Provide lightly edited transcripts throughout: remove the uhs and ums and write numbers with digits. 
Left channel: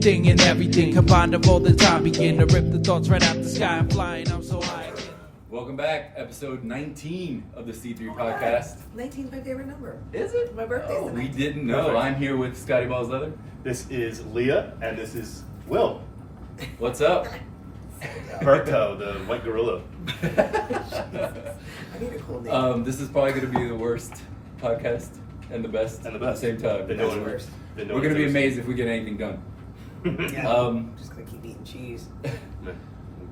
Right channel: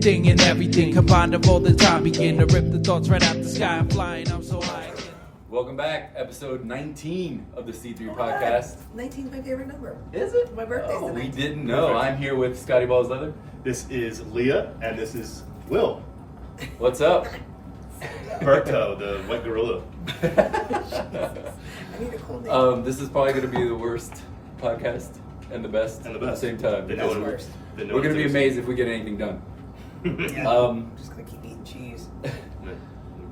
anything and everything combined of all the time. Begin to rip the thoughts right out the sky. I'm flying, I'm so high. Welcome back, episode 19 of the C3 podcast. 19 is my favorite number. Is it? My birthday's the 19th. We didn't know. I'm here with Scotty Balls Leather. This is Leah, and this is Will. What's up? Berto, the white gorilla. I need a cool name. This is probably going to be the worst podcast and the best And the at the best. same time. They That's know it. worse. They know We're going to be it. amazed if we get anything done. Yeah. All Just gonna keep eating cheese.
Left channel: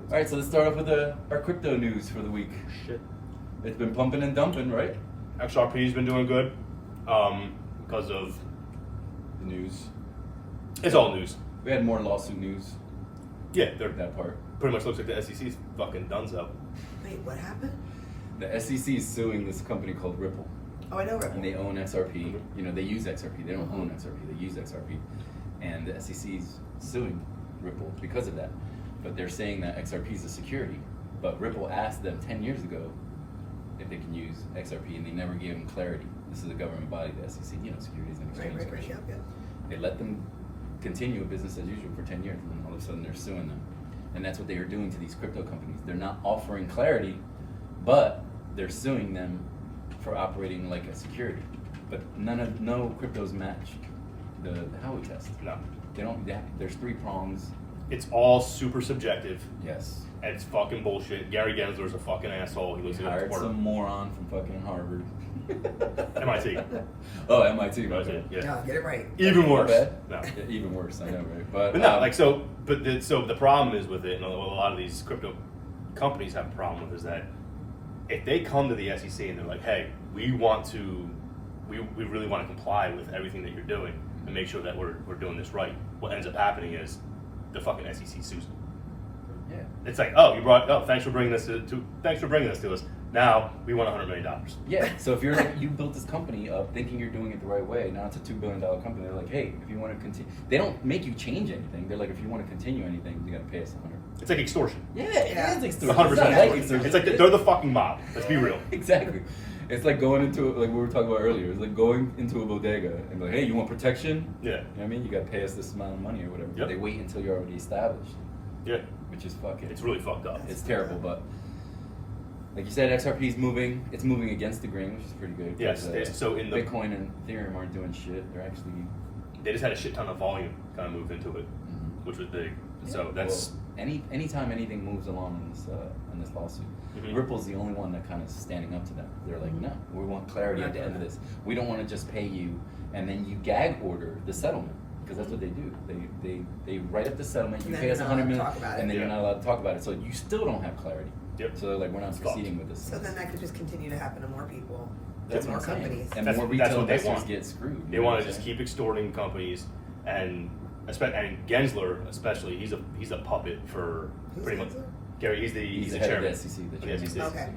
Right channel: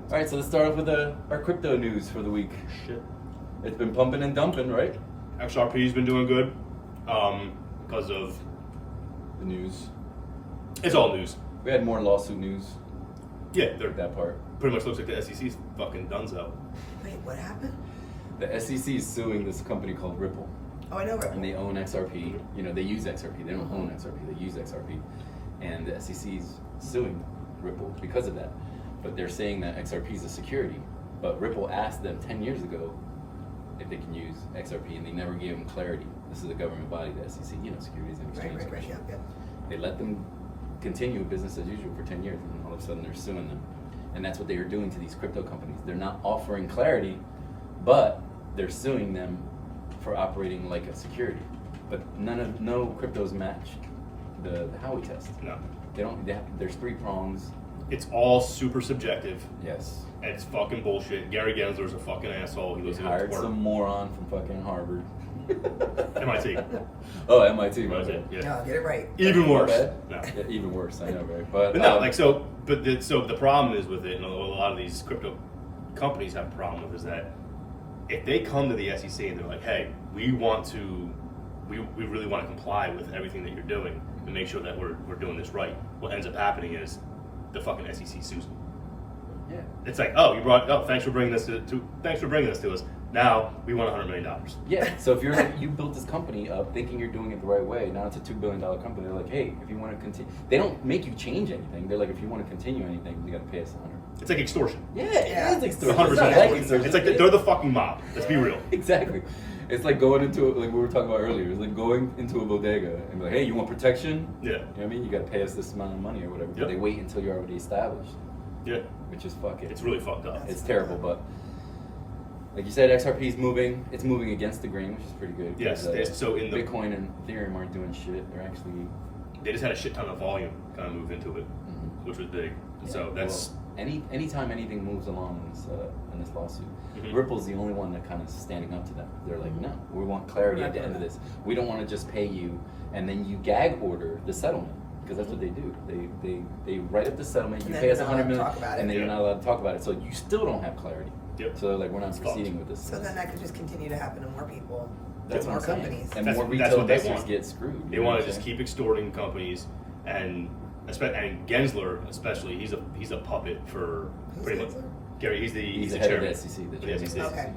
right, so let's start off with our crypto news for the week. Shit. It's been pumping and dumping, right? XRP's been doing good because of The news. it's all news. We had more lawsuit news. Yeah, they're That part. pretty much looks like the SEC's fucking donezo. Wait, what happened? The SEC is suing this company called Ripple. Oh, I know And Ripple. they own XRP. You know, they use XRP. They don't own XRP. They use XRP. And the SEC is suing Ripple because of that. But they're saying that XRP is a security. But Ripple asked them 10 years ago if they can use XRP, and they never gave them clarity. This is a government body, the SEC, you know, Securities and Exchange Right, Commission. yeah. They let them continue business as usual for 10 years, and all of a sudden they're suing them. And that's what they are doing to these crypto companies. They're not offering clarity, but they're suing them for operating like a security. But no cryptos match the Howey test. No. There's 3 prongs. It's all super subjective. Yes. And it's fucking bullshit. Gary Gensler's a fucking asshole. He looks They like a hired twerp. some moron from fucking Harvard. MIT. Oh, MIT. Right, Okay. yeah. No, get it right. Even worse. Bad? No. Yeah, even worse, I know, right? But no, so the problem is with it, and a lot of these crypto companies have a problem with, is that if they come to the SEC and they're like, hey, we really want to comply with everything that you're doing and make sure that we're doing this right, what ends up happening is the fucking SEC sues them. yeah. It's like, thanks for bringing this to us. Now we want $100 million. Yeah, so if you're like, you built this company up thinking you're doing it the right way, now it's a $2 billion company, they're like, hey, if you want to continue, they don't make you change anything. They're like, if you want to continue anything, you got to pay us 100. It's like extortion. Yeah, Yeah. it is It's extortion. 100% It's not like extortion. It's like they're the fucking mob. Let's be real. Exactly. It's like going into, like we were talking about earlier, it's like going into a bodega and like, hey, you want protection? Yeah. You know what I mean? You got to pay us this amount of money or whatever. But Yep. they wait until you're already established, Yeah. which is fucking. It's really fucked up. It's terrible, but like you said, XRP is moving. It's moving against the grain, which is pretty good. Yes, 'cause, so in the Bitcoin and Ethereum aren't doing shit. They're actually they just had a shit ton of volume kind of move into it, which was big. So that's well, anytime anything moves along in this lawsuit, Mhm. Ripple's the only one that kind of standing up to them. They're like, no, we want clarity We're at not the end of doing this. We don't want to just pay you and then you gag order the settlement. Because that's what they do. They write up the settlement. And You then pay us they're not 100 allowed to million, talk about it. and then you're Yeah. not allowed to talk about it. So you still don't have clarity. Yep. So they're like, we're not It's proceeding fucked. with this. So then that could just continue to happen to more people. That's more what I'm saying. companies. And That's- more that's retail what they investors want. get screwed. they want to just keep extorting companies, and Gensler especially, he's a puppet for Who's pretty much. Gensler? Gary, he's He's the the head chairman of the SEC. of the SEC. Okay.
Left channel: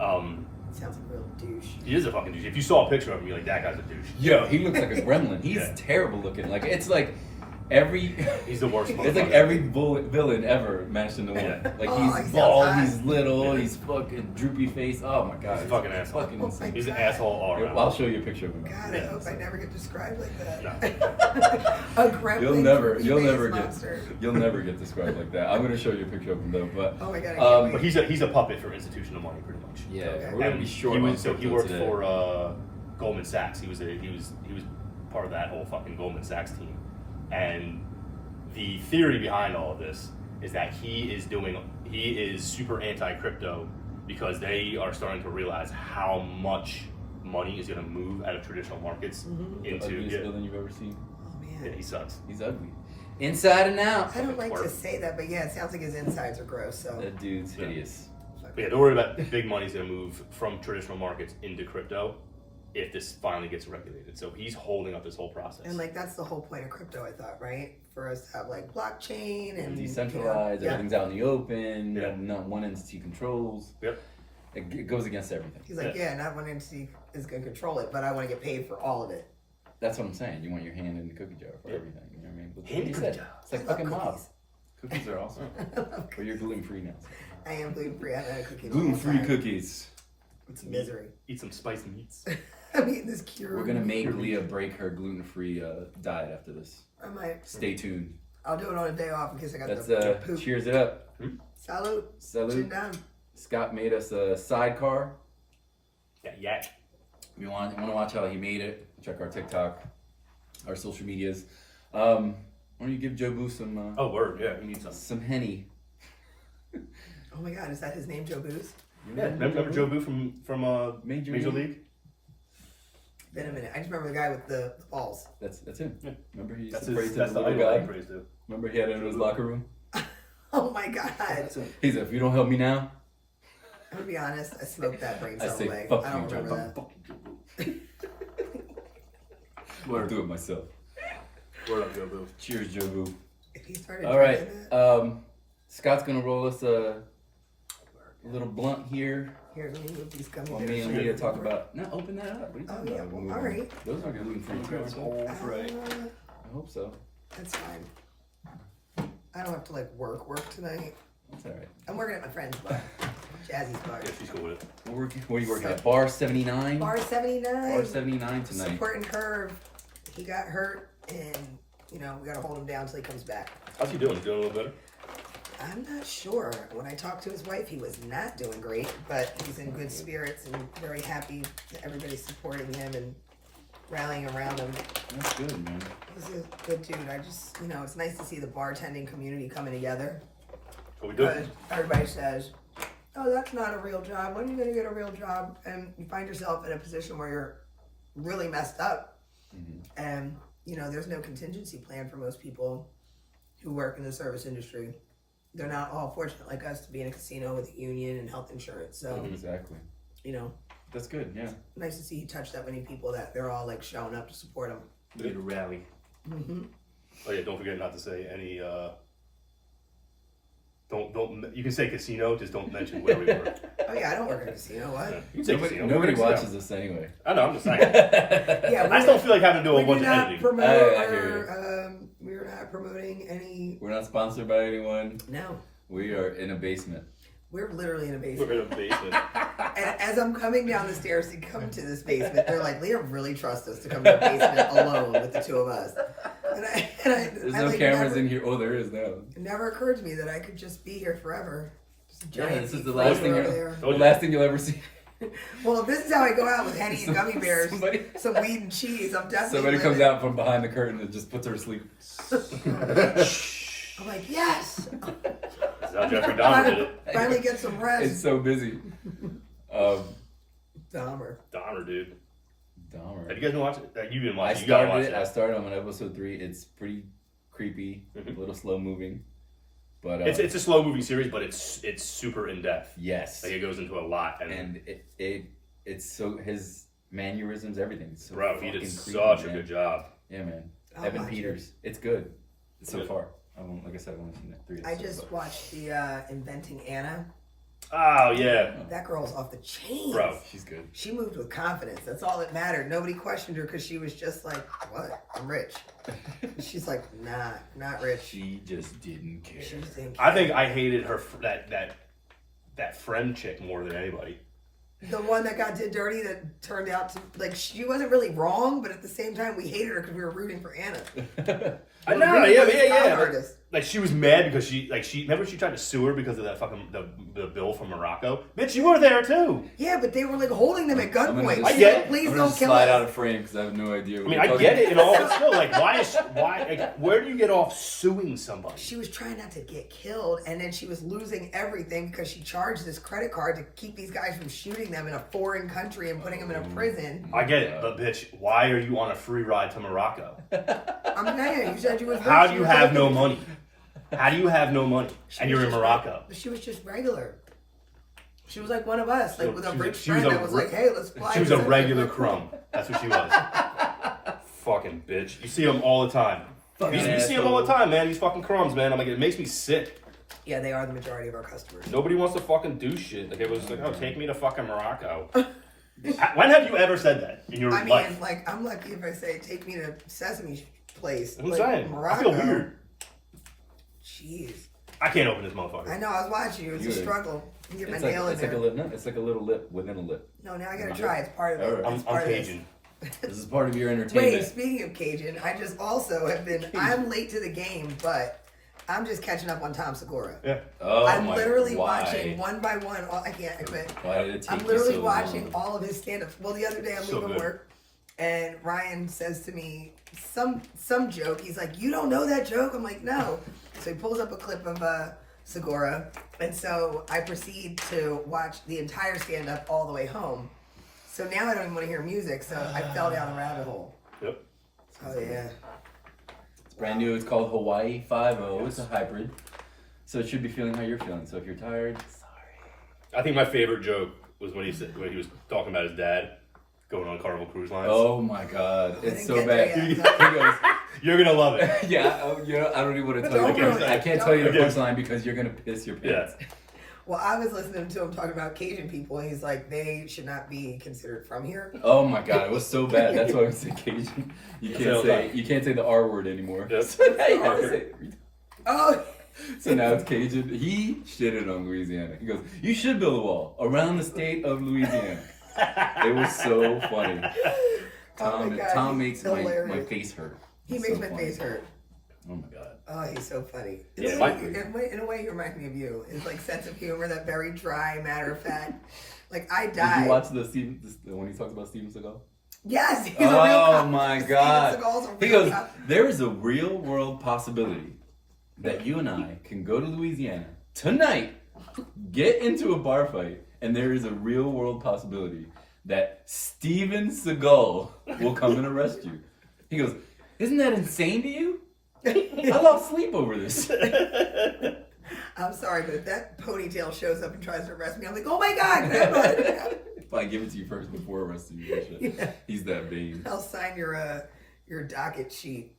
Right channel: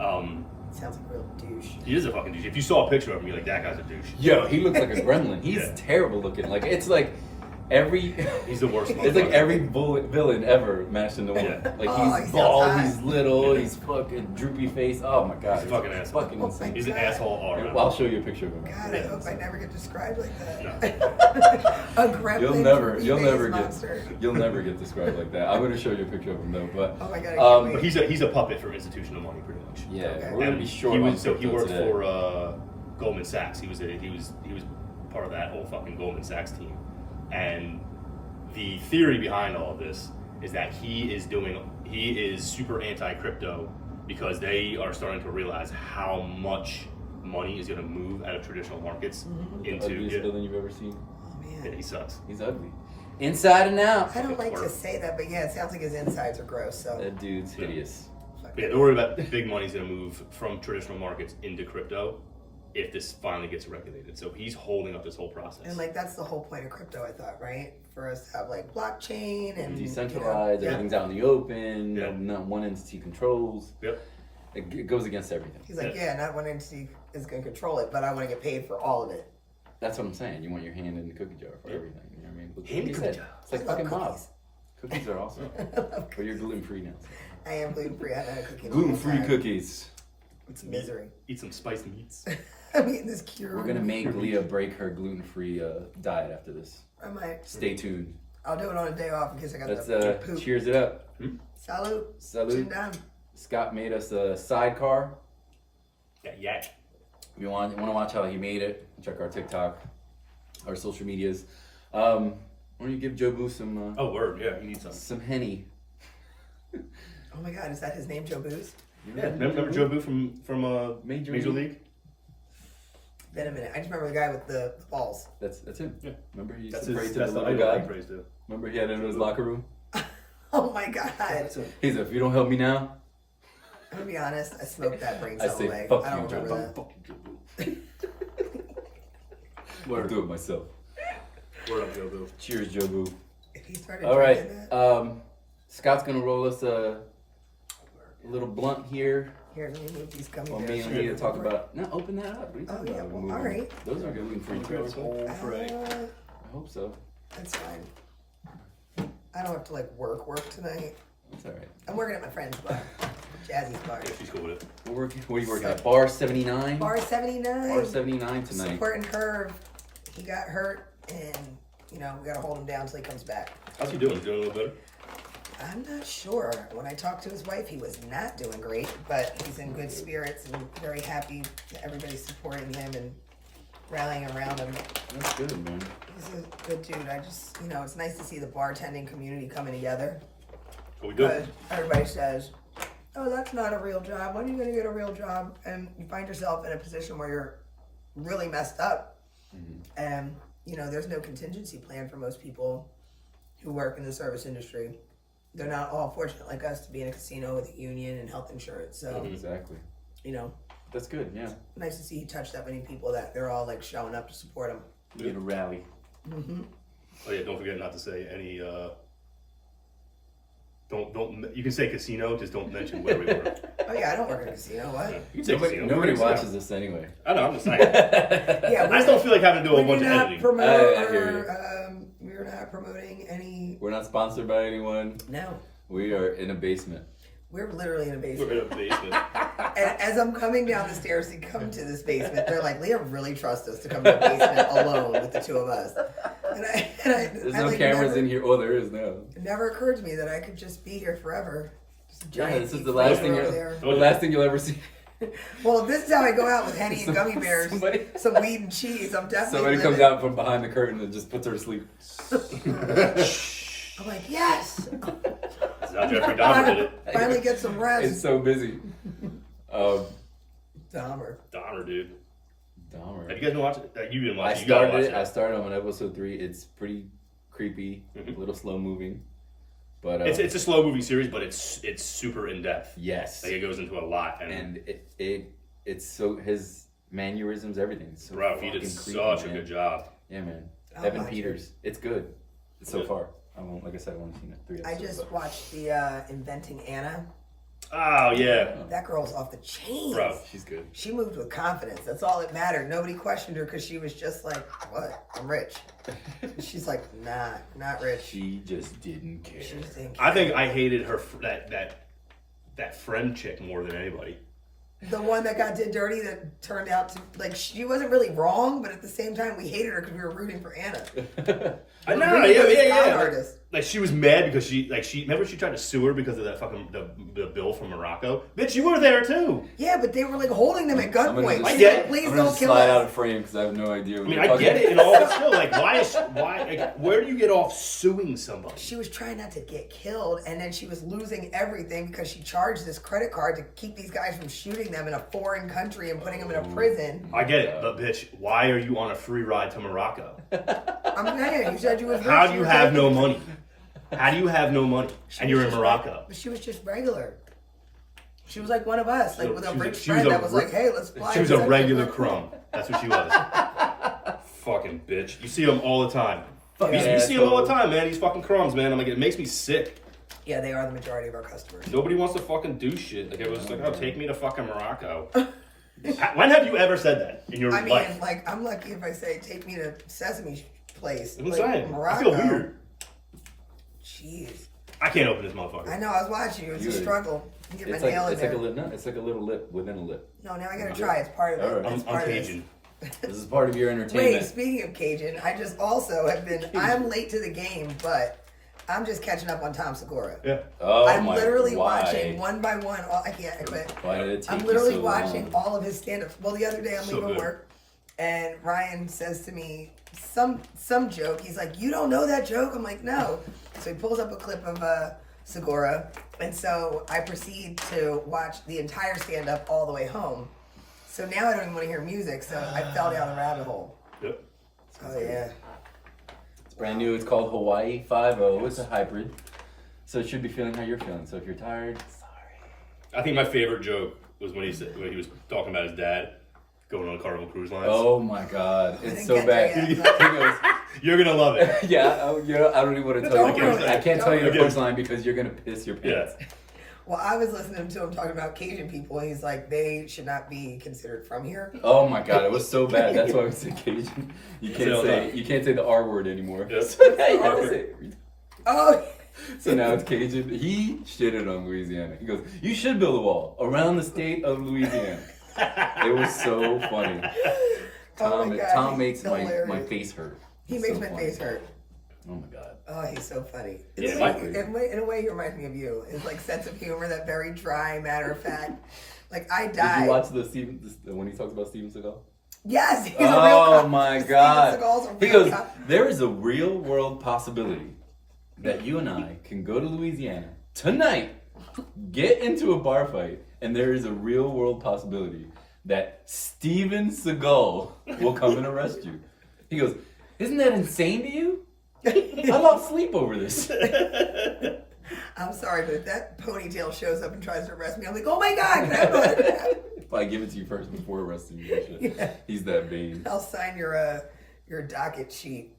Um, Sounds like a real douche. he is a fucking douche. If you saw a picture of him, you're like, that guy's a douche. Yo, he looks like a gremlin. He's Yeah. terrible looking. Like it's like every. He's the worst. It's like motherfucker. every villain ever mashed into one. Yeah. Like Oh, he's he bald, sounds hot. he's little, Yeah. he's fucking droopy face. Oh my god, He's a fucking asshole. Fucking Oh insane. my He's an God. asshole all around. I'll show you a picture of him. God, Yeah. I hope I never get described like that. No. A gremlin. You'll never monster. get described like that. I'm gonna show you a picture of him though, but Oh my God, I can't wait. But he's a puppet for institutional money, pretty much. yeah, Okay. we're gonna And be short. he on was so he crypto worked today. for Goldman Sachs. He was part of that whole fucking Goldman Sachs team. And the theory behind all of this is that he is super anti-crypto because they are starting to realize how much money is going to move out of traditional markets into Ugliest villain you've ever seen. Oh yeah, man. he sucks. He's ugly, inside and out. I don't like to twerp. say that, but yeah, it sounds like his insides are gross. So That dude's Yeah. hideous. fuck But yeah, it. don't worry about big money's going to move from traditional markets into crypto if this finally gets regulated. So he's holding up this whole process. And like that's the whole point of crypto, I thought, right? For us to have like blockchain and Decentralized, you know, everything's out in the open. Yeah. Not one entity controls. Yep. It goes against everything. He's like, yeah, not one entity is going to control it, but I want to get paid for all of it. That's what I'm saying. You want your hand in the cookie jar for Yeah. everything. You know what I mean? Look Hand in what the he cookie said. jar. It's like I love fucking mob. cookies. Cookies are awesome. But you're gluten free now. I am gluten free. I'm not a cookie. Gluten free cookies. It's misery. Eat some spiced meats. I'm eating this cure. We're gonna make Leah break her gluten free diet after this. I might. Stay tuned. I'll do it on a day off in case I got Let's the poop. cheers it up. Salute. Salute. Chin down. Scott made us a sidecar. Yeah. If you want to watch how he made it, check our TikTok, our social medias. Why don't you give Joe Boo some Oh, word. Yeah, he needs some. some Henny? Oh my God, is that his name, Joe Booze? Yeah, remember Joe Boo from Major Major League? League? Been a minute. I just remember the guy with the balls. That's him. Yeah. Remember he used That's to pray his. to That's the the little idol guy? he prays to. Remember he had it in his locker room? Oh my God. He said, if you don't help me now, I'm gonna be honest, I smoked that brain I cell say away. fuck I don't you, Joe. remember Fuck that. you, Joe Boo. I'll do it myself. Word up, Joe Boo. Cheers, Joe Boo. If he started All right. drinking that, Scott's gonna roll us a little blunt here. here, let me move these gummy Well, bears. me and Leah talk about. No, open that up. What are you Oh talking yeah, about? well, all right. Those are gluten free. I hope so. That's fine. I don't have to like work tonight. That's all right. I'm working at my friend's bar, Jazzy's bar. Yeah, she's cool with it. We're working. What are you working at? Bar 79. Bar 79. Bar 79 tonight. Support and Curve. He got hurt, and we gotta hold him down till he comes back. How's he doing? Doing a little better? I'm not sure. When I talked to his wife, he was not doing great, but he's in good spirits and very happy that everybody's supporting him and rallying around him. That's good, man. He's a good dude. I just, it's nice to see the bartending community coming together. Are we good? Because everybody says, oh, that's not a real job. When are you going to get a real job? And you find yourself in a position where you're really messed up. And, there's no contingency plan for most people who work in the service industry. They're not all fortunate like us to be in a casino with a union and health insurance. So, Exactly. That's good. Yeah. nice to see he touched that many people that they're all like showing up to support him. We get a rally. Oh yeah, don't forget not to say any. Don't. You can say casino, just don't mention where we were. Oh yeah, I don't work in a casino. What? Yeah, you can say casino. Nobody Casino. watches this anyway. I know. I'm just saying. Yeah, I just don't feel like having to do a we bunch do of not editing. promote I hear we're not promoting any. We're not sponsored by anyone. No, We are in a basement. we're literally in a We're basement. in a basement. And as I'm coming down the stairs to come to this basement, they're like, Leah really trusts us to come to the basement alone with the two of us. There's no cameras in here. Oh, there is now. It never occurred to me that I could just be here forever. Just a Yeah, giant this is deep the last freezer thing. over there. The last thing you'll ever see. Well, this is how I go out with Henny and gummy bears, Somebody- some weed and cheese. I'm definitely Somebody comes living. out from behind the curtain and just puts her to sleep. I'm like, yes. That's how Jeffrey Dahmer did it. Finally get some It's rest. so busy. Dahmer. Dahmer, dude. Dahmer. Have you guys been watching? You didn't watch I it. You gotta watch started. I it. started on episode 3. It's pretty creepy, a little slow moving, but It's a slow moving series, but it's super in depth. yes, Like it goes into a lot, and it's so his mannerisms, everything. It's so bro, he did fucking creepy, such a man. good job. Yeah, man. I'll Evan watch it. Peters. It's good so Good. far. Like I said, I've only seen 3 I episodes. just but- watched the Inventing Anna. Oh yeah, That girl's off the chains. bro. She's good. She moved with confidence. That's all that mattered. Nobody questioned her because she was just like, what? I'm rich. She's like, nah, not rich. She just didn't care. She just didn't I care. think I hated her that friend chick more than anybody. The one that got did dirty that turned out to, like, she wasn't really wrong, but at the same time, we hated her because we were rooting for Anna. I know, Rooting for this con yeah. artist. Like she was mad because she remember she tried to sue her because of that fucking the bill from Morocco. Bitch, you were there too. Yeah, but they were like holding them at I'm gonna gunpoint. just- She's I get like, it. please I'm gonna don't kill slide out of us. frame because I have no idea. I mean, I get it and all, but still, like, why? Like, where do you get off suing somebody? She was trying not to get killed, and then she was losing everything because she charged this credit card to keep these guys from shooting them in a foreign country and putting them in a prison. I get it, but bitch, why are you on a free ride to Morocco? I'm saying, you said you was rich. How do You you were have taking- no money? How do you have no money She and was you're in just Morocco? She was just regular. She was like one of us, like with a She was rich she was friend a that was re- like, hey, let's fly. She was to a Central regular America. crumb. That's what she was. Fucking bitch. You see them all the time. Fucking You see them all the asshole. time, man. These fucking crumbs, man. I'm like, it makes me sick. Yeah, they are the majority of our customers. Nobody wants to fucking do shit. Like, it was like, oh, take me to fucking Morocco. When have you ever said that in your I mean, life? like, I'm lucky if I say, take me to Sesame Place. I'm like, saying. Morocco. I feel weird. Jeez. I can't open this motherfucker. I know, I was watching you. It's a Good. struggle. You get my It's like nail in it's like there. a lip. No, it's like a little lip within a lip. No, now I gotta try. It's part of it. Alright. It's I'm part of this. Cajun. This is part of your entertainment. Wait, speaking of Cajun, I just also have been. I'm late to the game, but I'm just catching up on Tom Segura. Yeah. Oh I'm my, literally why? watching one by one. I can't. I quit. Why did it take I'm you literally so watching long? all of his stand-ups. Well, the other day I'm So leaving good. work, and Ryan says to me some joke. He's like, "You don't know that joke?" I'm like, "No." So he pulls up a clip of Segura, and so I proceed to watch the entire stand-up all the way home. So now I don't even want to hear music. So I fell down the rabbit hole. Yep. Oh yeah. It's brand new. It's called Hawaii 5-0. It's a hybrid. So it should be feeling how you're feeling. So if you're tired, sorry. I think my favorite joke was when he was talking about his dad going on Carnival Cruise Lines. Oh my God. It's didn't so get bad. there He yet. goes, You're gonna love it. yeah, I don't even want to tell Don't you. ruin it. I can't Don't tell you the ruin it. punchline because you're going to piss your pants. Yeah. Well, I was listening to him talking about Cajun people, and he's like, they should not be considered from here. Oh my God, it was so bad. That's why I said Cajun. You can't say the R word anymore. Yep. So now you have to say it. Oh, So now it's Cajun. He shitted on Louisiana. He goes, "You should build a wall around the state of Louisiana." It was so funny. Oh my God, Tom he's makes my hilarious. face hurt. he It's makes so my funny. face hurt. Oh my God. Oh, he's so funny. Yeah, In a way, he reminds me of you. His like sense of humor, that very dry, matter of fact. Like I Did died. you watch when he talks about Steven Seagal? Yes, he's a real Oh cop. my Steven God. Seagal's a He real goes, cop. there is a real world possibility that you and I can go to Louisiana tonight, get into a bar fight, and there is a real world possibility that Steven Seagal will come and arrest you. He goes, isn't that insane to you? I lost sleep over this. I'm sorry, but if that ponytail shows up and tries to arrest me, I'm like, oh my God, grandma. If I give it to you first before arresting you, Yeah. he's that vain. I'll sign your docket sheet.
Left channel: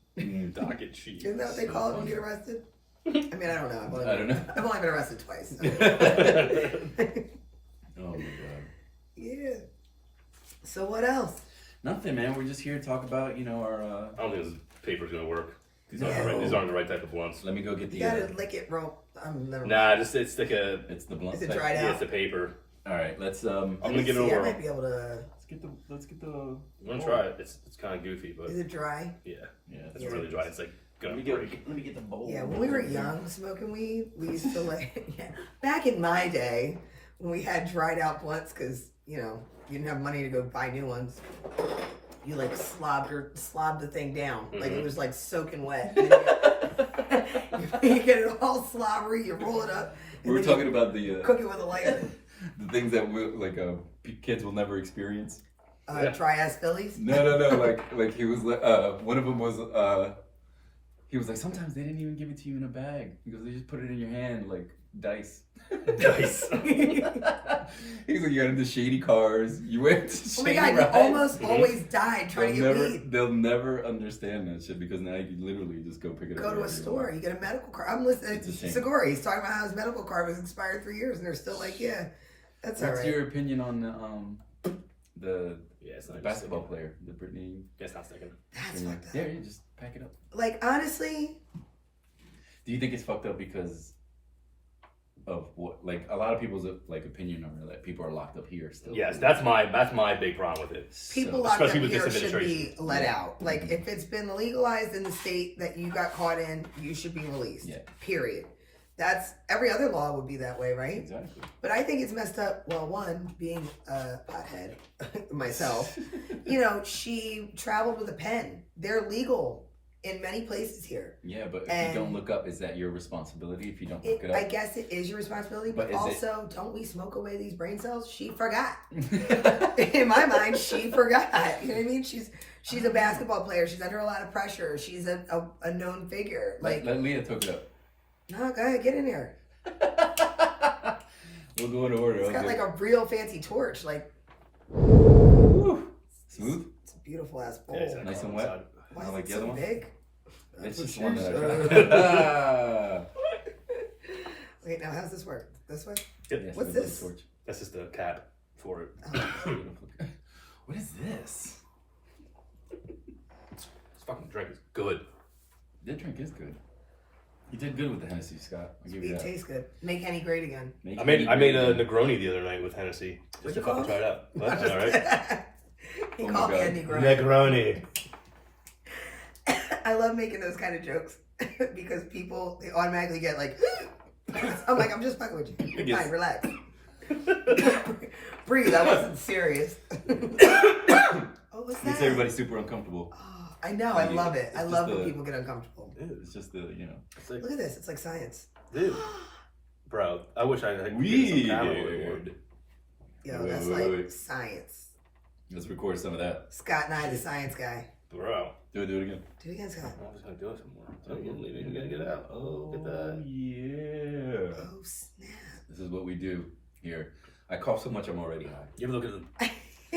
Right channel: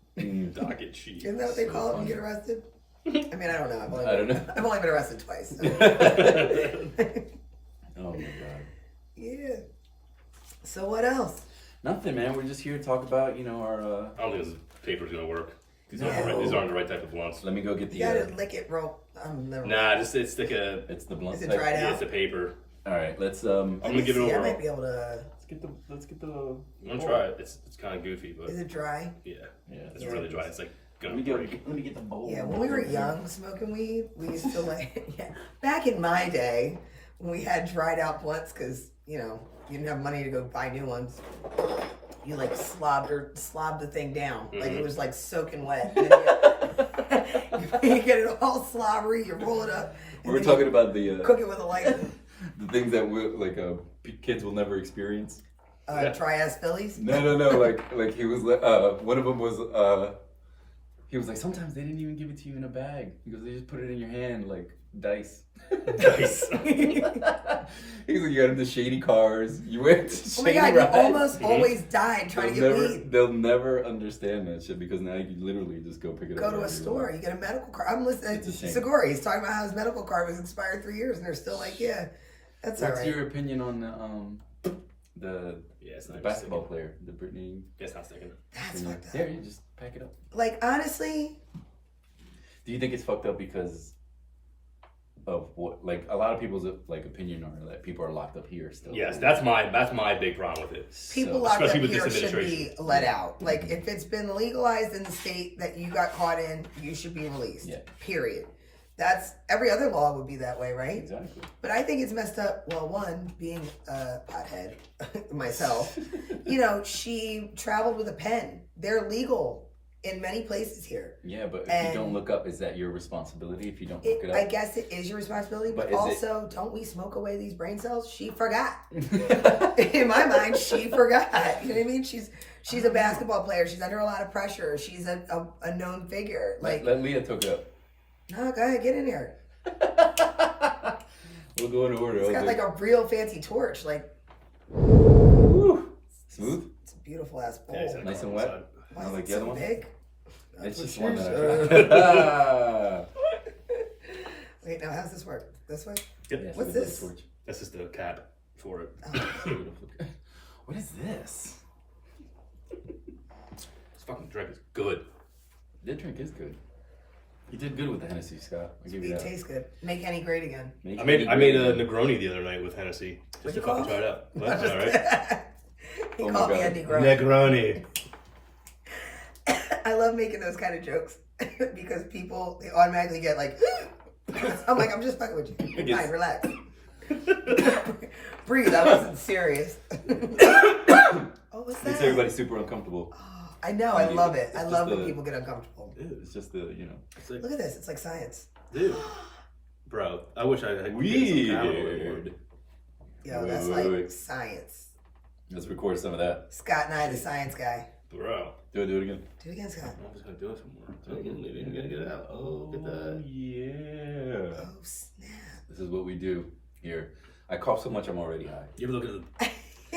Docket sheet. Isn't that what they call it when you get arrested? I mean, I don't know. I've only been arrested twice. Oh my God. Yeah. So what else? Nothing, man. We're just here to talk about, our. I don't think this paper's gonna work. These No. aren't the right type of blunts. Let me go get the. You gotta lick it, rope. Never. Nah, it's like a. It's the blunt. Is it type. dried Yeah, out? it's the paper. All right, let's. I'm gonna give it a I whirl. might be able to. Let's get the. I'm gonna try it. It's kind of goofy, but Is it dry? yeah, Yeah. it's really dry. It's like Let gonna me break. get the bowl. Yeah. When we were young, smoking weed, we used to like. Yeah. Back in my day, when we had dried out blunts, because you didn't have money to go buy new ones. You like slobbed the thing down. Like it was like soaking wet. And then you get it all slobbery, you roll it up. We and were then talking you about the cook it with a lighter. the things that kids will never experience. Dry ass Phillies. No. Like he was one of them was he was like, sometimes they didn't even give it to you in a bag. He goes, they just put it in your hand like dice. Dice. He's like, you got into shady cars. You went to Oh my shady God, you rides. almost always died trying to get weed. They'll never understand that shit because now you can literally just go pick it up. Go to a wherever you store, want. you get a medical card. I'm listening It's a to shame. Segura. He's talking about how his medical card was expired 3 years, and they're still like, yeah, that's all What's right. your opinion on the Yeah, it's the not basketball sticking. player, the Britney? Yeah, it's not sticking. That's Spears? fucked up. Yeah, you just pack it up. Like, honestly, Do you think it's fucked up because of what? Like a lot of people's opinion are that people are locked up here still. Yes, that's my big problem with it. people So- locked up especially with here this should be administration. let out. Like, if it's been legalized in the state that you got caught in, you should be released. Yeah. Period. That's every other law would be that way, right? Exactly. But I think it's messed up. Well, one, being a pothead myself, she traveled with a pen. They're legal in many places here. Yeah, but if And you don't look up, is that your responsibility if you don't look it up? I guess it is your responsibility, but But is also, don't we smoke away these brain cells? She forgot. In my mind, she forgot. You know what I mean? She's a basketball player. She's under a lot of pressure. She's a known figure. Like, Let Leah talk it up. no, go ahead, get in here. We'll go in order. It's got like a real fancy torch. Like, Smooth. it's a beautiful ass bowl. Yeah, exactly. Nice and On wet? the side. Why I is like it the other so one. big? It's That's just what one she that I tried. Wait, now how's this work? This way? Yep. Yes, What's the this? torch. That's just a cap for it. What is this? This fucking drink is good. That drink is good. You did good with the Hennessy, Scott. I'll give you It that. tastes good. Make Henny great again. I made a Negroni the other night with Hennessy What'd just to you call fucking it? try it out. Well, that's all right. He Oh my called me a God. Negroni. Negroni. I love making those kind of jokes because people, they automatically get like, I'm like, I'm just fucking with you. You're fine, relax. Breathe, I wasn't serious. Oh, what's that? Makes everybody super uncomfortable. Oh, I know, I love it. I It's love just when the- people get uncomfortable. It's just the, you know. It's like, Look at this, it's like science. Dude. Bro, I wish I could get some camera weird. Yo, that's Wait, like wait. science. Let's record some of that. Scott and I, the science guy. Bro. Do it again. Do it again, Scott. I'm just gonna do it some more. You gotta get it out. Oh, get that. Yeah. Oh, snap. This is what we do here. I cough so much I'm already high. You ever look at the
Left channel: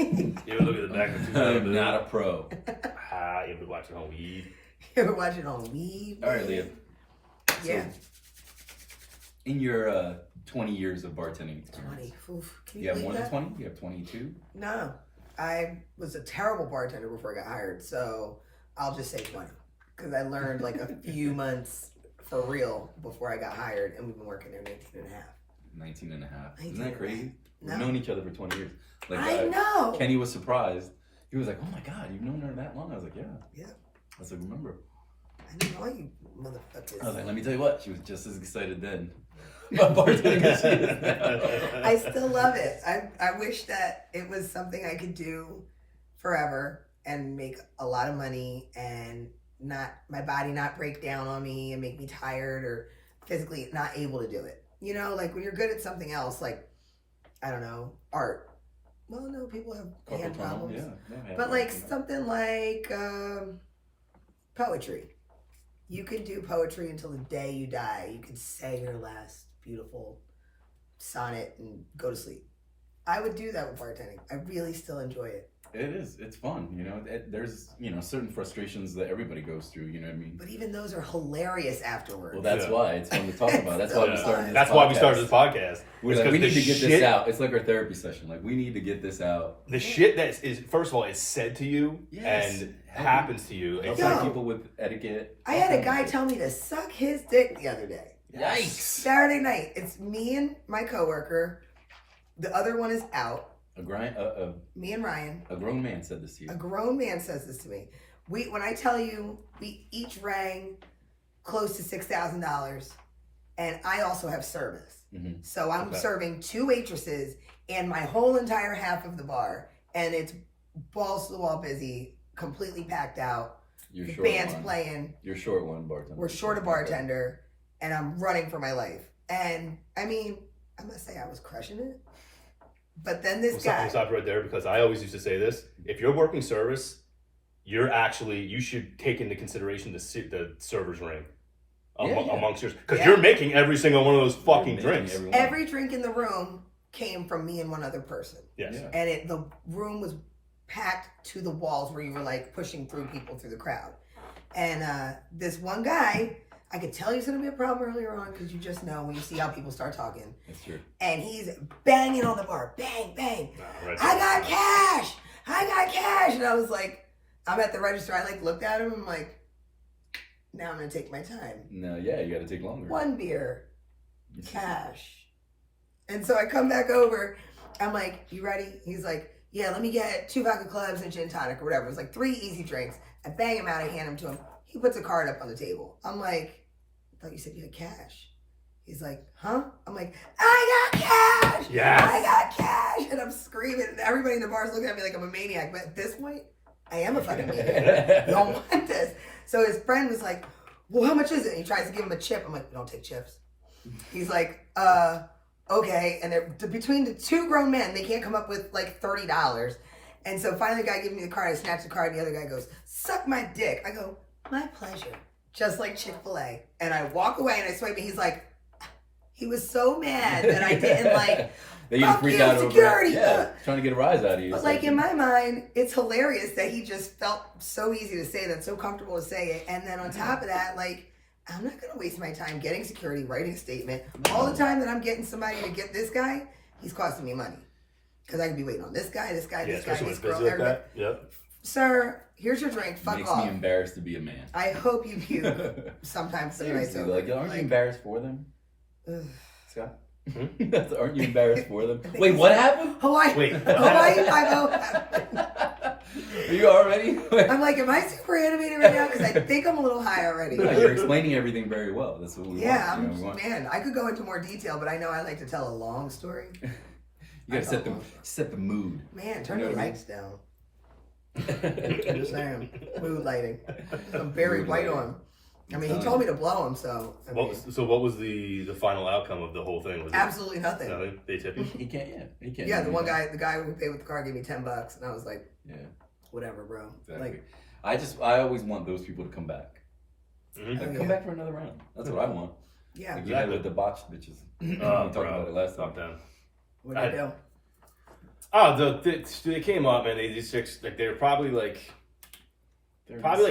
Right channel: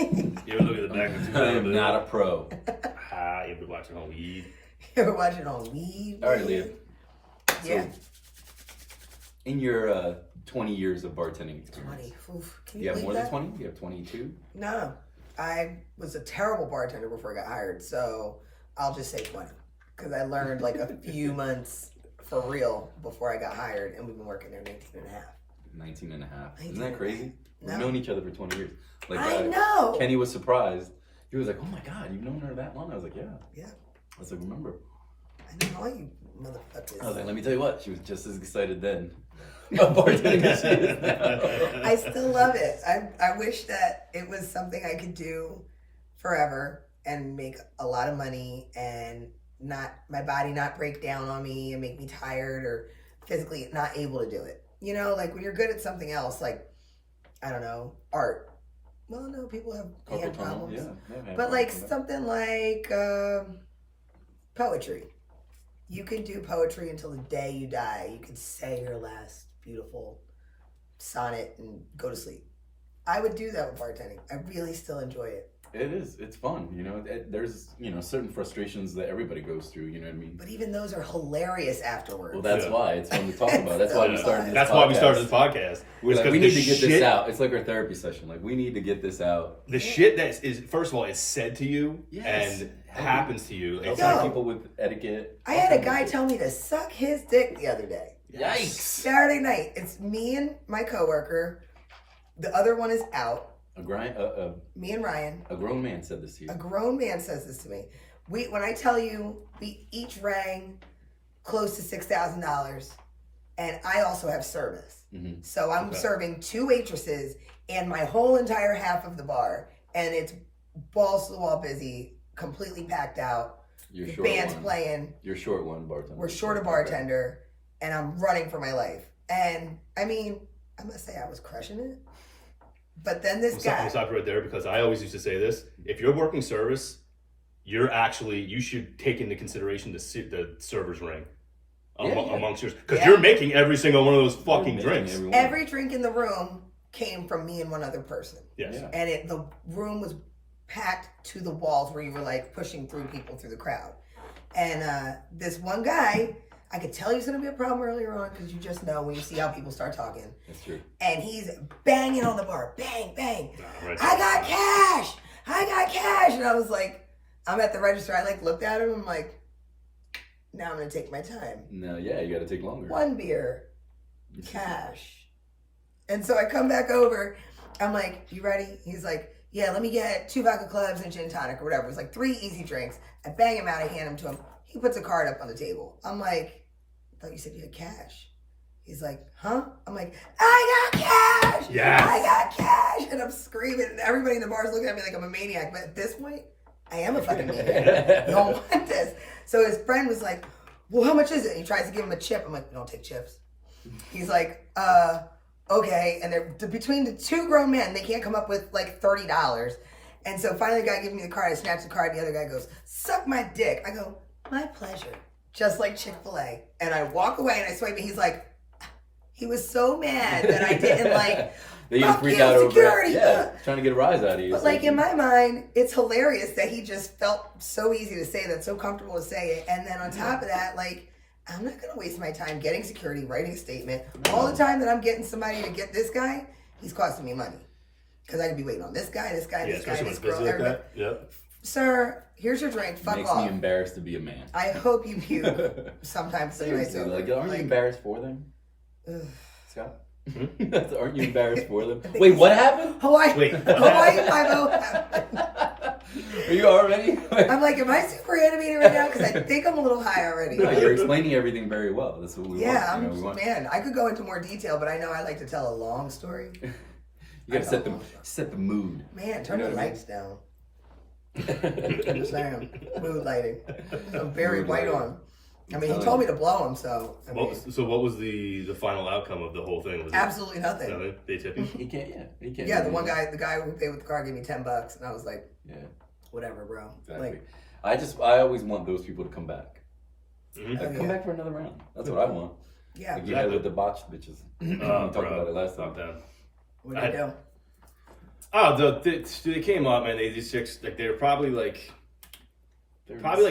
you ever look at the back of the I'm not a pro. You ever watch it on weed? You ever watch it on weed? All right, Leah. Yeah. So, in your 20 years of bartending experience, 20. Oof. Can you you have more believe than that? 20? You have 22? No. I was a terrible bartender before I got hired, so I'll just say 20. Because I learned like a few months for real before I got hired, and we've been working there 19 and a half. 19 and a half. 19 Isn't that and a crazy? half. We've No. known each other for 20 years. Like, I know. Kenny was surprised. He was like, oh my God, you've known her that long? I was like, yeah. Yeah. I was like, remember. I know all you motherfuckers. I was like, let me tell you what, she was just as excited then about bartending as she is now. I still love it. I wish that it was something I could do forever and make a lot of money and not my body not break down on me and make me tired or physically not able to do it. You know, like when you're good at something else, like I don't know, art. Well, no, people have hand Carpal tunnel, problems. yeah, But like something like poetry. You can do poetry until the day you die. You can say your last beautiful sonnet and go to sleep. I would do that with bartending. I really still enjoy it. It is. It's fun. You know, there's, you know, certain frustrations that everybody goes through. You know what I mean? But even those are hilarious afterwards. Well, that's Yeah. why it's fun to talk about. That's why we started. This That's why we podcast. started this podcast. We're It's like, 'cause we the need to get shit- this out. It's like our therapy session. Like, we need to get this out. The shit that is first of all is said to you Yes. and happens to you. It's Yo. Outside like people with etiquette. I had a guy tell me to suck his dick the other day. Yikes. Saturday night. It's me and my coworker. The other one is out. Me and Ryan. A grown man said this to you. A grown man says this to me. When I tell you, we each rang close to $6,000, and I also have service. Mm-hmm. So I'm Okay. serving 2 waitresses and my whole entire half of the bar, and it's balls to the wall busy, completely packed out. You're The short band's one. playing. You're short one bartender. We're short a bartender, and I'm running for my life. And I mean, I must say I was crushing it. But then this I'm guy. stopping right there because I always used to say this: if you're working service, you should take into consideration the server's ring amongst yours because Yeah. you're making every single one of those fucking You're drinks. making Every drink in the room came from me and one other person. Yes. Yeah. And the room was packed to the walls where you were like pushing through people through the crowd. And this one guy, I could tell he's gonna be a problem earlier on because you just know when you see how people start talking. That's true. And he's banging on the bar, bang, bang. Right. I got cash. And I was like, I'm at the register. I like looked at him. I'm like, now I'm gonna take my time. No, yeah, you got to take longer. 1 beer, cash. And so I come back over. I'm like, you ready? He's like, yeah, let me get 2 vodka clubs and gin tonic or whatever. It was like 3 easy drinks. I bang him out. I hand him to him. He puts a card up on the table. I'm like, I thought you said you had cash. He's like, huh? I'm like, I got cash. Yes. I got cash. And I'm screaming. And everybody in the bar is looking at me like I'm a maniac. But at this point, I am a fucking maniac. You don't want this. So his friend was like, well, how much is it? And he tries to give him a chip. I'm like, we don't take chips. He's like, okay. And they're between the 2 grown men, they can't come up with like $30. And so finally the guy gives me the card. I snatch the card. The other guy goes, suck my dick. I go, my pleasure. Just like Chick-fil-A. And I walk away and I swipe and he's like, he was so mad that I didn't like, They just fuck freak you, out over security. it. Yeah, trying to get a rise out of you. But It's like in my mind, it's hilarious that he just felt so easy to say that, so comfortable to say it. And then on top of that, like, I'm not going to waste my time getting security, writing a statement. All the time that I'm getting somebody to get this guy, he's costing me money. Because I could be waiting on this guy, this guy, Yeah, this guy, especially when this it's girl. busy like Everybody. that. Yep. Sir, here's your drink. Fuck Makes off. me embarrassed to be a man. I hope you puke sometimes. Seriously, like, aren't you embarrassed for them? Ugh. Scott? Aren't you embarrassed for them? Wait, what happened? Hawaii. Wait. Hawaii 5-0 happened. Are you already? I'm like, am I super animated right now? Because I think I'm a little high already. No, you're explaining everything very well. That's what we Yeah, want. You know, man, I could go into more detail, but I know I like to tell a long story. You gotta set the mood. Man, turn You know the what I mean? lights down. I'm just saying, mood lighting. I'm very Mood white lighting. on. I mean, he told me to blow him, so I mean, What was the final outcome of the whole thing? Was absolutely nothing. Nothing? They tipped you? He can't. Yeah, he can't. Yeah, do the anything. guy who paid with the car gave me $10, and I was like, Yeah, whatever, bro. exactly. Like, I always want those people to come back. Mhm. Oh, Come yeah. back for another round. That's what I want. yeah, Like, you know, the debauched bitches. We Oh, talked about it last time. Fuck them. what do you do? Oh, they came up, man. These chicks, like, they were probably like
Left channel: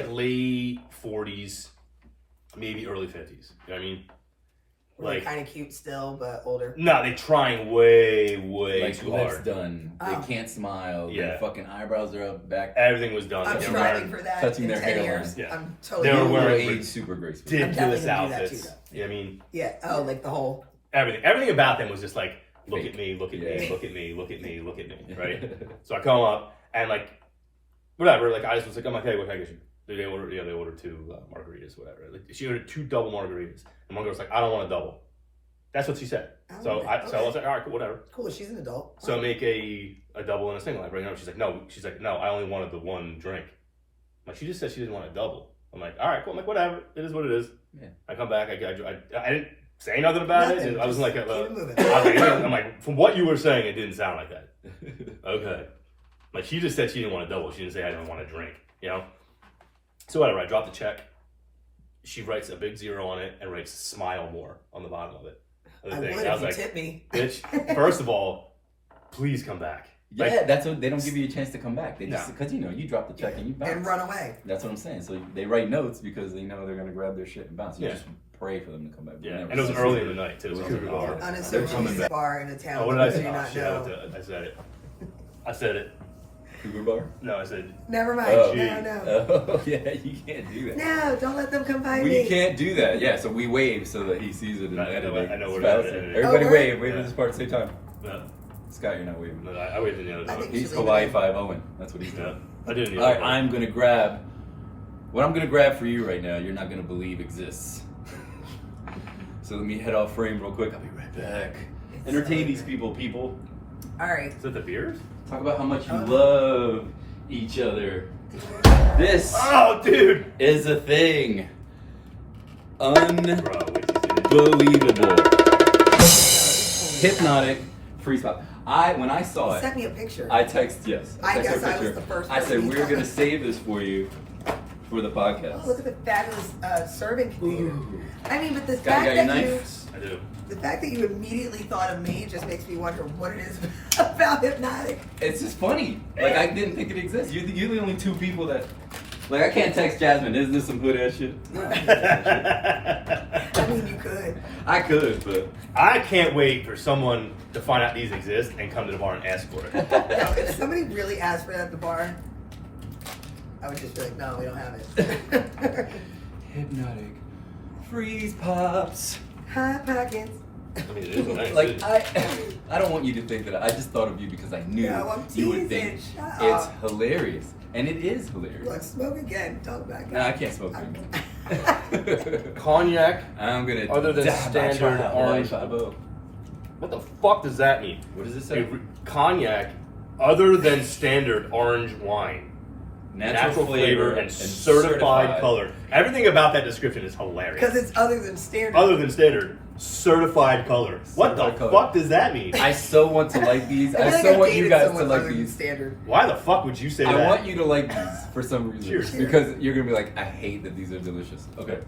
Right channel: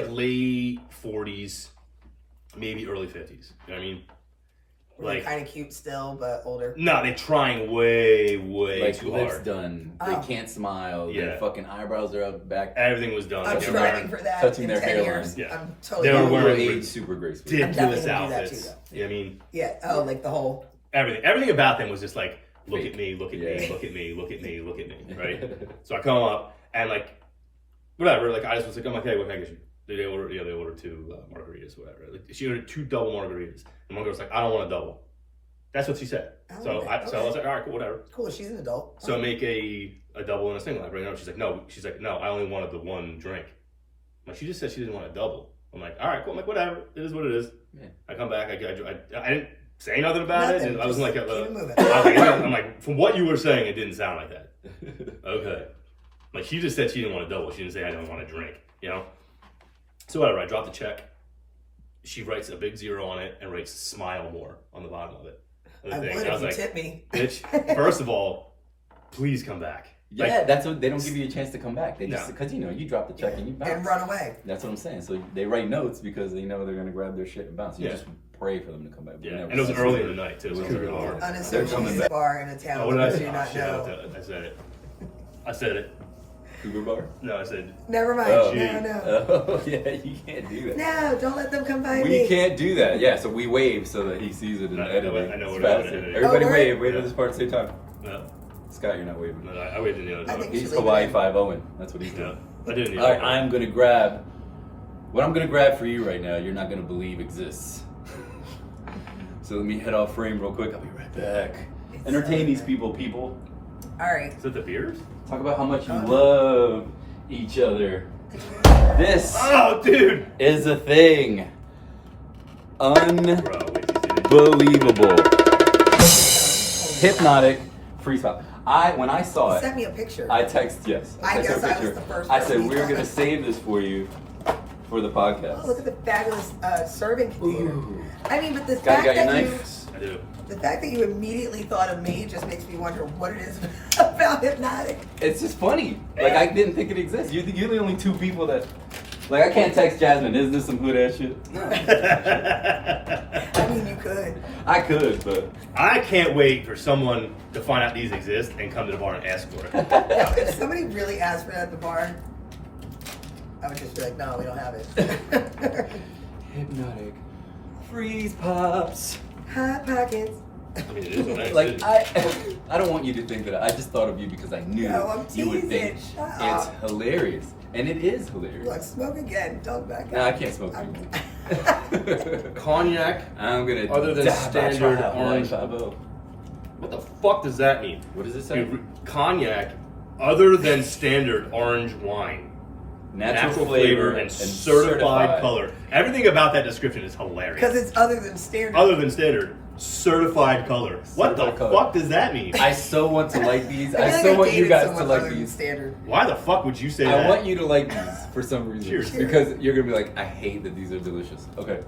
late 40s, maybe early 50s. You know what I mean? Were they kind of cute still, but older? No, they trying way like too lips hard. done. Oh. They can't smile. Yeah. Their fucking eyebrows are up back. Everything was done. I'm Like, they were striving wearing for that touching in their 10 hairline. years. Yeah. I'm totally They were You will wearing age super gracefully. ridiculous I'm definitely gonna do that outfits. too, though. You know what I mean? Yeah. Oh, like the whole. Everything about them was just like, look Fake. at me, look at Yeah. me, look at me, look at me, look at me, right? So I come up and like, whatever. Like I just was like, I'm like, hey, what can I get you? They ordered 2 margaritas, whatever. Like she ordered 2 double margaritas, and one girl was like, I don't want a double. That's what she said. Oh, So okay. I was like, all right, cool, whatever. Cool. She's an adult. So make a double and a single, right? No, she's like, no, I only wanted the one drink. I'm like, she just said she didn't want a double. I'm like, all right, cool. I'm like, whatever, it is what it is. Yeah. I come back, I didn't say nothing about it. Nothing, I wasn't like, just keep it moving. I was like, I'm like, from what you were saying, it didn't sound like that. Okay. Like she just said she didn't want a double. She didn't say I don't want a drink, you know? So whatever, I dropped the check. She writes a big 0 on it and writes smile more on the bottom of it. I would And if I was you like, tip me. bitch, first of all, please come back. Yeah, Like, that's what they don't give you a chance to come back. They No. just because you drop the check and you bounce. And run away. That's what I'm saying. So they write notes because they know they're gonna grab their shit and bounce. You Yeah. just pray for them to come back. yeah, Never and it was see early them. in the night too. So It it was was early. hard. They're Unassuming coming back. bar in a town. Oh, what did I that say? you do Oh, not shit, know. I said it. I said it. Uber bar. No, I said, Never mind. Oh. No. Oh yeah, you can't do that. No, don't let them come by We me. can't do that. Yeah, so we wave so that he sees it in I the know- editing. I know It's what faster. it is. Everybody Oh, wave word? at this part at the same time. no, Scott, you're not waving. no, I waved in the other I one. think- He's should leave Hawaii it in. 5-0. That's what he's Yeah, doing. I did in the All other right, one. I'm gonna grab. What I'm gonna grab for you right now, you're not gonna believe exists. So let me head off frame real quick. I'll be right back. It's Entertain so these good. people. All right. Is that the beers? Talk about how much you Oh. love each other. This Oh, dude! is a thing. Bro, wait, Unbelievable. Hypnotic. Freestyle. When I saw it, Send me a picture. I text yes. I texted guess a I was picture. the first I person said you we're thought gonna of. save this for you for the Oh, podcast. look at the fabulous serving container. Ooh. I mean, but the Scott, you fact got that your you, knife? I do. the fact that you immediately thought of me just makes me wonder what it is about hypnotic. It's just funny. Like I didn't think it exists. You're the only 2 people that. Like I can't text Jasmine. Isn't this some good ass shit? I mean, you could. I could, but I can't wait for someone to find out these exist and come to the bar and ask for it. No, if somebody really asked for it at the bar, I would just be like, no, we don't have it. hypnotic freeze pops. Hot pockets. I mean, it is what Like it is. I don't want you to think that I just thought of you because I knew No, I'm you would think teasing. Shut it's up. hilarious, and it is hilarious. Look, smoke again. Talk back. No, I can't smoke anymore. Cognac. I'm gonna. Other than dab my standard trial, orange- 5-0. What the fuck does that mean? What does it say? Cognac, other than standard orange wine. Natural flavor and certified color. Everything about that description is hilarious. Because it's other than standard. Other than standard, certified color. What the Certified color. fuck does that mean? I so want to like these. I I feel so like want I you dated guys to someone like other than these. standard. Why the fuck would you say that? I want you to like these for some reason. Cheers. Because you're gonna be like, I hate that these are delicious. Okay.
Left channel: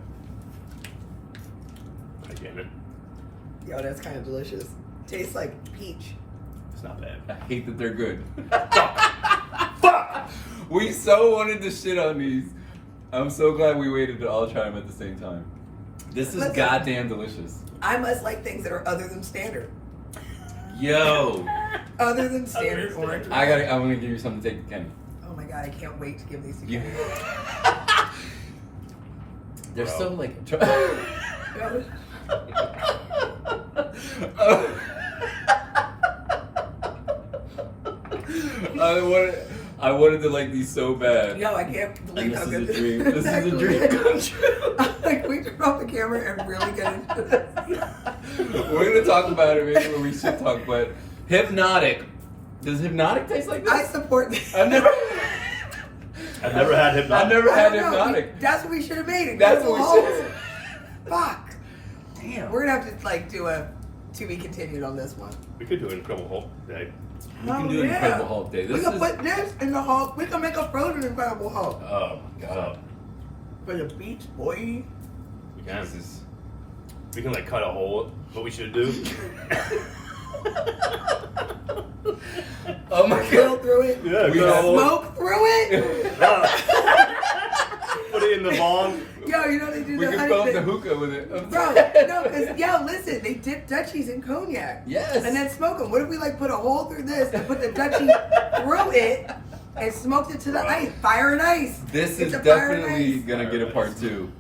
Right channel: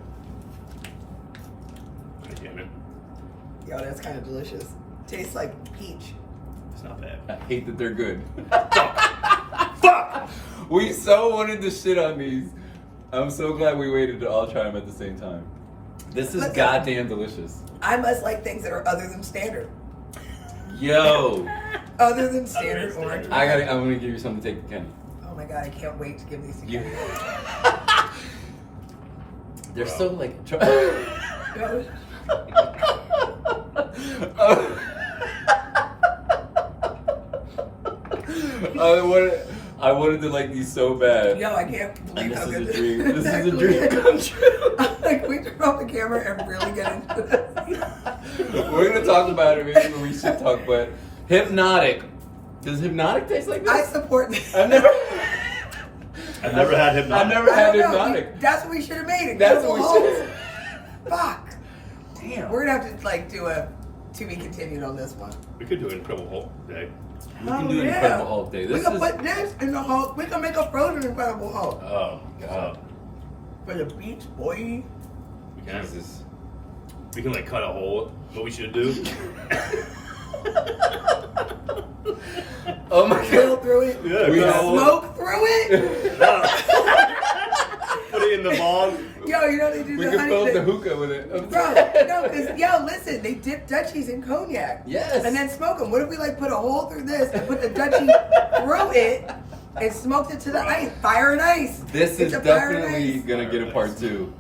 God damn it. Yo, that's kind of delicious. Tastes like peach. It's not bad. I hate that they're good. Fuck! We so wanted to shit on these. I'm so glad we waited to all try them at the same time. This is Listen. goddamn delicious. I must like things that are other than standard. Yo, Other than standard than orange. standard. I'm gonna give you something to take to Kenny. Oh my god, I can't wait to give these to You- you. They're Bro. so like. I wanted to like these so bad. Yo, I can't believe And how this good is a dream. This is a actually dream come true. Like, we turn off the camera and really get into this. We're gonna talk about it. Maybe when we should talk. But Hypnotic. Does Hypnotic taste like this? I support this. I've never had Hypnotic. I've never I had don't know. Hypnotic. That's what we should have made. That's what Incredible we Hulk. should. Fuck. Damn. We're gonna have to like do a to be continued on this one. We could do an Incredible Hulk day. We can do an Incredible Hulk day. We This can is. put this in the Hulk. We can make a frozen Incredible Hulk Oh God. for the beach, boy. We can. Jesus. We can like cut a hole. What we should do? Oh my Drill God. through it. Yeah, We cut a have- hole. Smoke through it. Put it in the bong. Yo, you know they do We the can honey fill up the thing. hookah with it. Bro, no, because, yo, listen, they dip Dutchies in cognac. Yes. And then smoke them. What if we, like, put a hole through this and put the Dutchie through it and smoked it to the ice? Fire and ice. This It's is a fire and definitely ice. gonna get a part 2.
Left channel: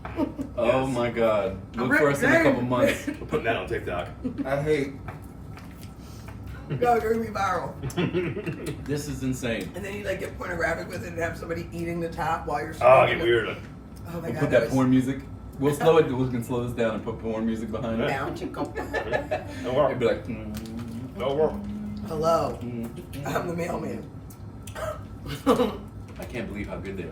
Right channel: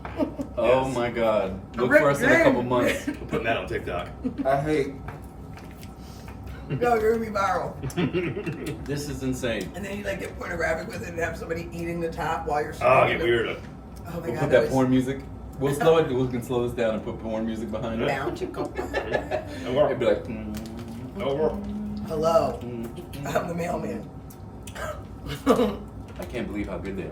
Oh Yes. my God. Look Rick for us in a couple James. months. We're putting that on TikTok. I hate. Yo, you're going to be viral. This is insane. And then you, like, get pornographic with it and have somebody eating the top while you're Oh, smoking get it. weird. Like, Oh, my We'll God. put that porn music. We'll slow it. We can slow this down and put porn music behind it. Down, chico. no work. It'd be like. No work. Hello. I'm the mailman. I can't believe how good they are.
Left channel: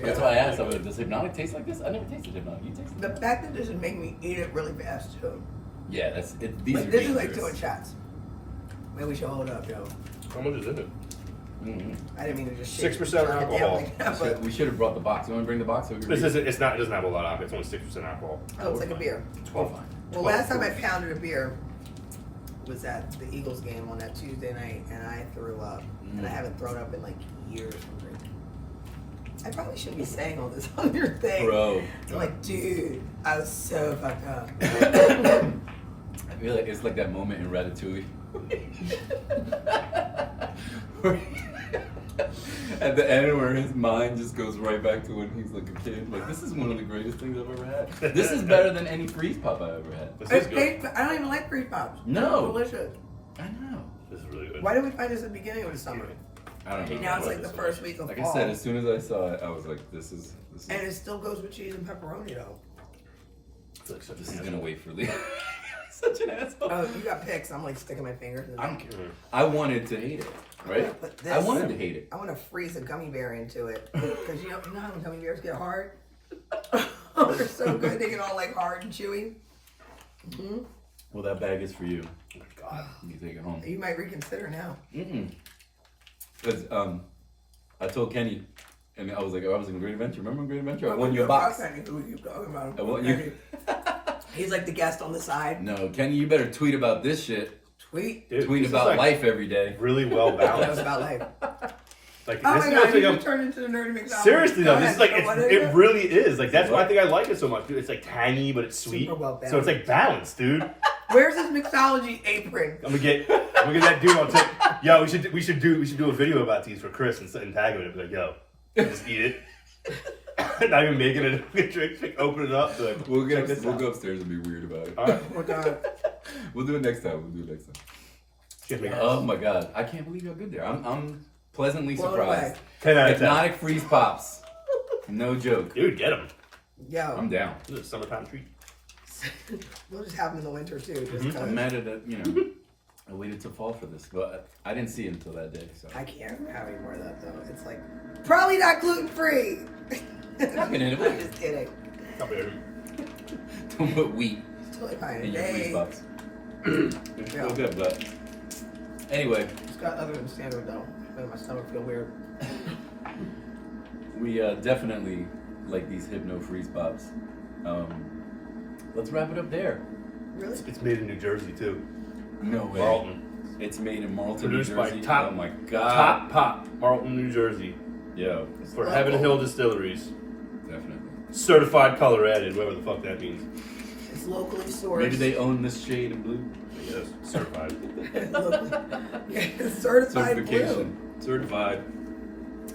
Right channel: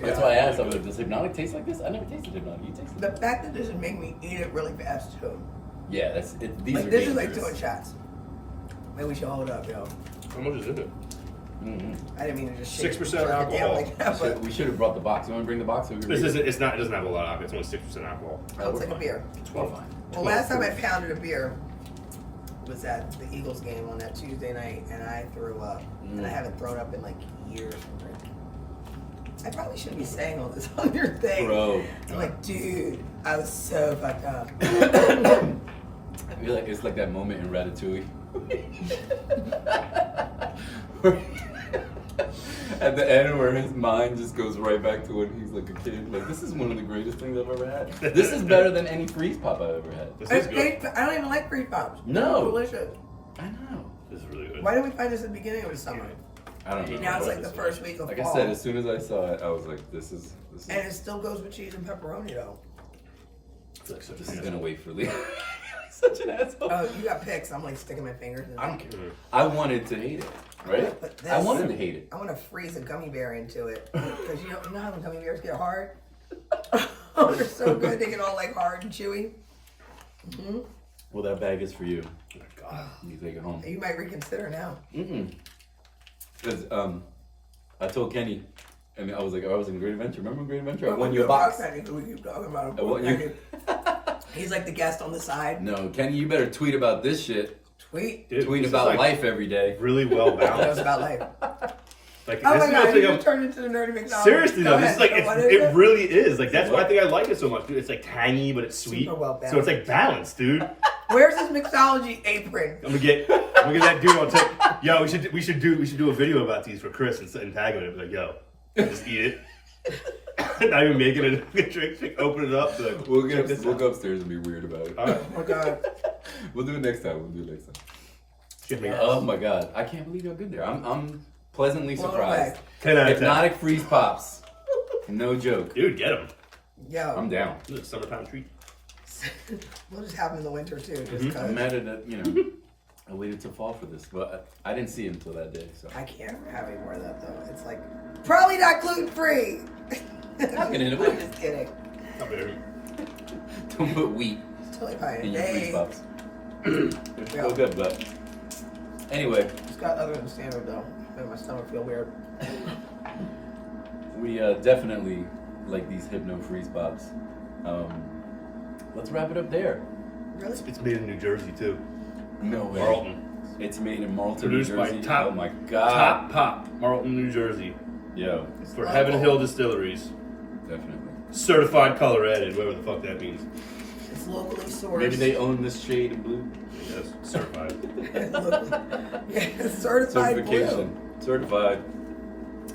That's why I asked. I was like, does Hypnotic taste like this? I never tasted Hypnotic. You tasted The it? fact that this would make me eat it really fast, too. Yeah, that's it. These Like, are this is like dangerous. doing shots. Maybe we should hold up, yo. How much is in it? Mhm. I didn't mean to just shake 6% the jar alcohol. down like that, but We should have brought the box. You want to bring the box? So we can This read isn't. it? It's not. It doesn't have a lot of alcohol. It's only 6% alcohol. oh, it's like a beer. 12. Well, last time I pounded a beer was at the Eagles game on that Tuesday night, and I threw up. And I haven't thrown up in like years from drinking. I probably shouldn't be saying all this on your thing. Bro. I'm like, dude, I was so fucked up. I feel like it's like that moment in Ratatouille. At the end where his mind just goes right back to when he's like a kid. Like, this is one of the greatest things I've ever had. This is better than any freeze pop I've ever had. This is good. I don't even like free pops. No. They're delicious. I know. This is really good. Why didn't we find this at the beginning of the summer? I don't know. Now it's like the this first week of Like fall. I said, as soon as I saw it, I was like, this is And it still goes with cheese and pepperoni, though. It's like such a this is asshole. gonna wait for Leah. Such an asshole. Oh, you got picks. I'm like sticking my fingers in I don't there. care. I wanted to hate it, right? But this- I wanted to hate it. I want to freeze a gummy bear into it. Because you know how when gummy bears get hard? They're so good. They get all like hard and chewy. Well, that bag is for you. Oh my God. You take it home. You might reconsider now. Because I told Kenny, and I was like, I was in Great Adventure. Remember Great Adventure? I But won we you a go box. back, Kenny, 'cause we keep talking about him. I won you. He's like the guest on the side. No, Kenny, you better tweet about this shit. Tweet. Dude, Tweet this is about like life every day. Really well That was balanced. about life. Like Oh this my is god, what I he think just I'm- turned into the nerdy McDonald's. Seriously Go though, ahead. this is like So what it is it? really is. Like that's why I What? think I like it so much, dude. It's like tangy, but it's sweet. Super well So it's like balanced, dude. Where's this mixology apron? I'm gonna get that dude on take. Yo, we should do a video about these for Chris and tag him and be like, yo, just eat it. Not even making it a drink, like, open it up. Be like, We'll check this go out. upstairs and be weird about it. All right. Oh my god. We'll do it next time. We'll do it next time. Shit, man. Oh my god, I can't believe how good they are. I'm pleasantly Blown surprised. away. 10 out of 10. Hypnotic freeze pops. No joke. Dude, get him. Yo, I'm down. This is a summertime treat. we'll just have them in the winter too. Just I'm 'cause mad at that. I waited till fall for this, but I didn't see it until that day. So I can't have any more of that though. It's like probably not gluten free. Happening in a I'm week. just kidding. Not bad. Don't put wheat It's totally fine. in your freeze Hey, pops. It's still good, but anyway, it's got other than standard though. Made my stomach feel weird. we definitely like these Hypno freeze pops. Let's wrap it up there. Really? It's made in New Jersey too. No way. Marlton. It's made in Marlton, Produced New by Jersey. Top- Oh my god. Top Pop, Marlton, New Jersey. Yo, For Heaven Hill Distilleries. definitely. Certified color added, whatever the fuck that means. It's locally sourced. Maybe they own this shade of blue. Yes, certified. Yeah, certified blue. Certification. Certified.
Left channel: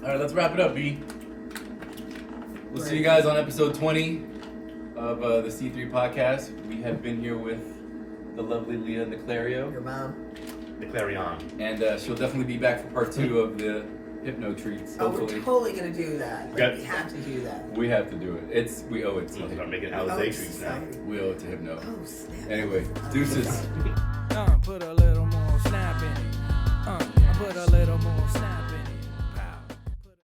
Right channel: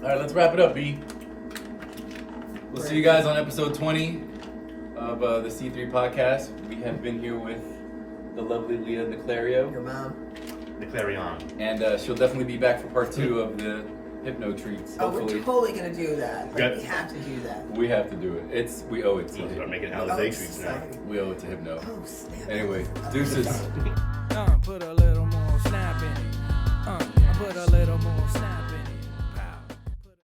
All right, let's wrap it up, B. We'll see you guys on episode 20 of the C3 podcast. We have been here with the lovely Leah Niclario. Your mom. The Clarion. And she'll definitely be back for part 2 of the Hypno Treats. Oh, we're Hopefully. totally gonna do that. Like, Okay. we have to do that. We have to do it. We owe it to We'll start Hypno. making Oh, Alizé treats now. exciting. We owe it to Hypno. Oh, snap. Anyway, deuces. Put a little more snap in it. I put a little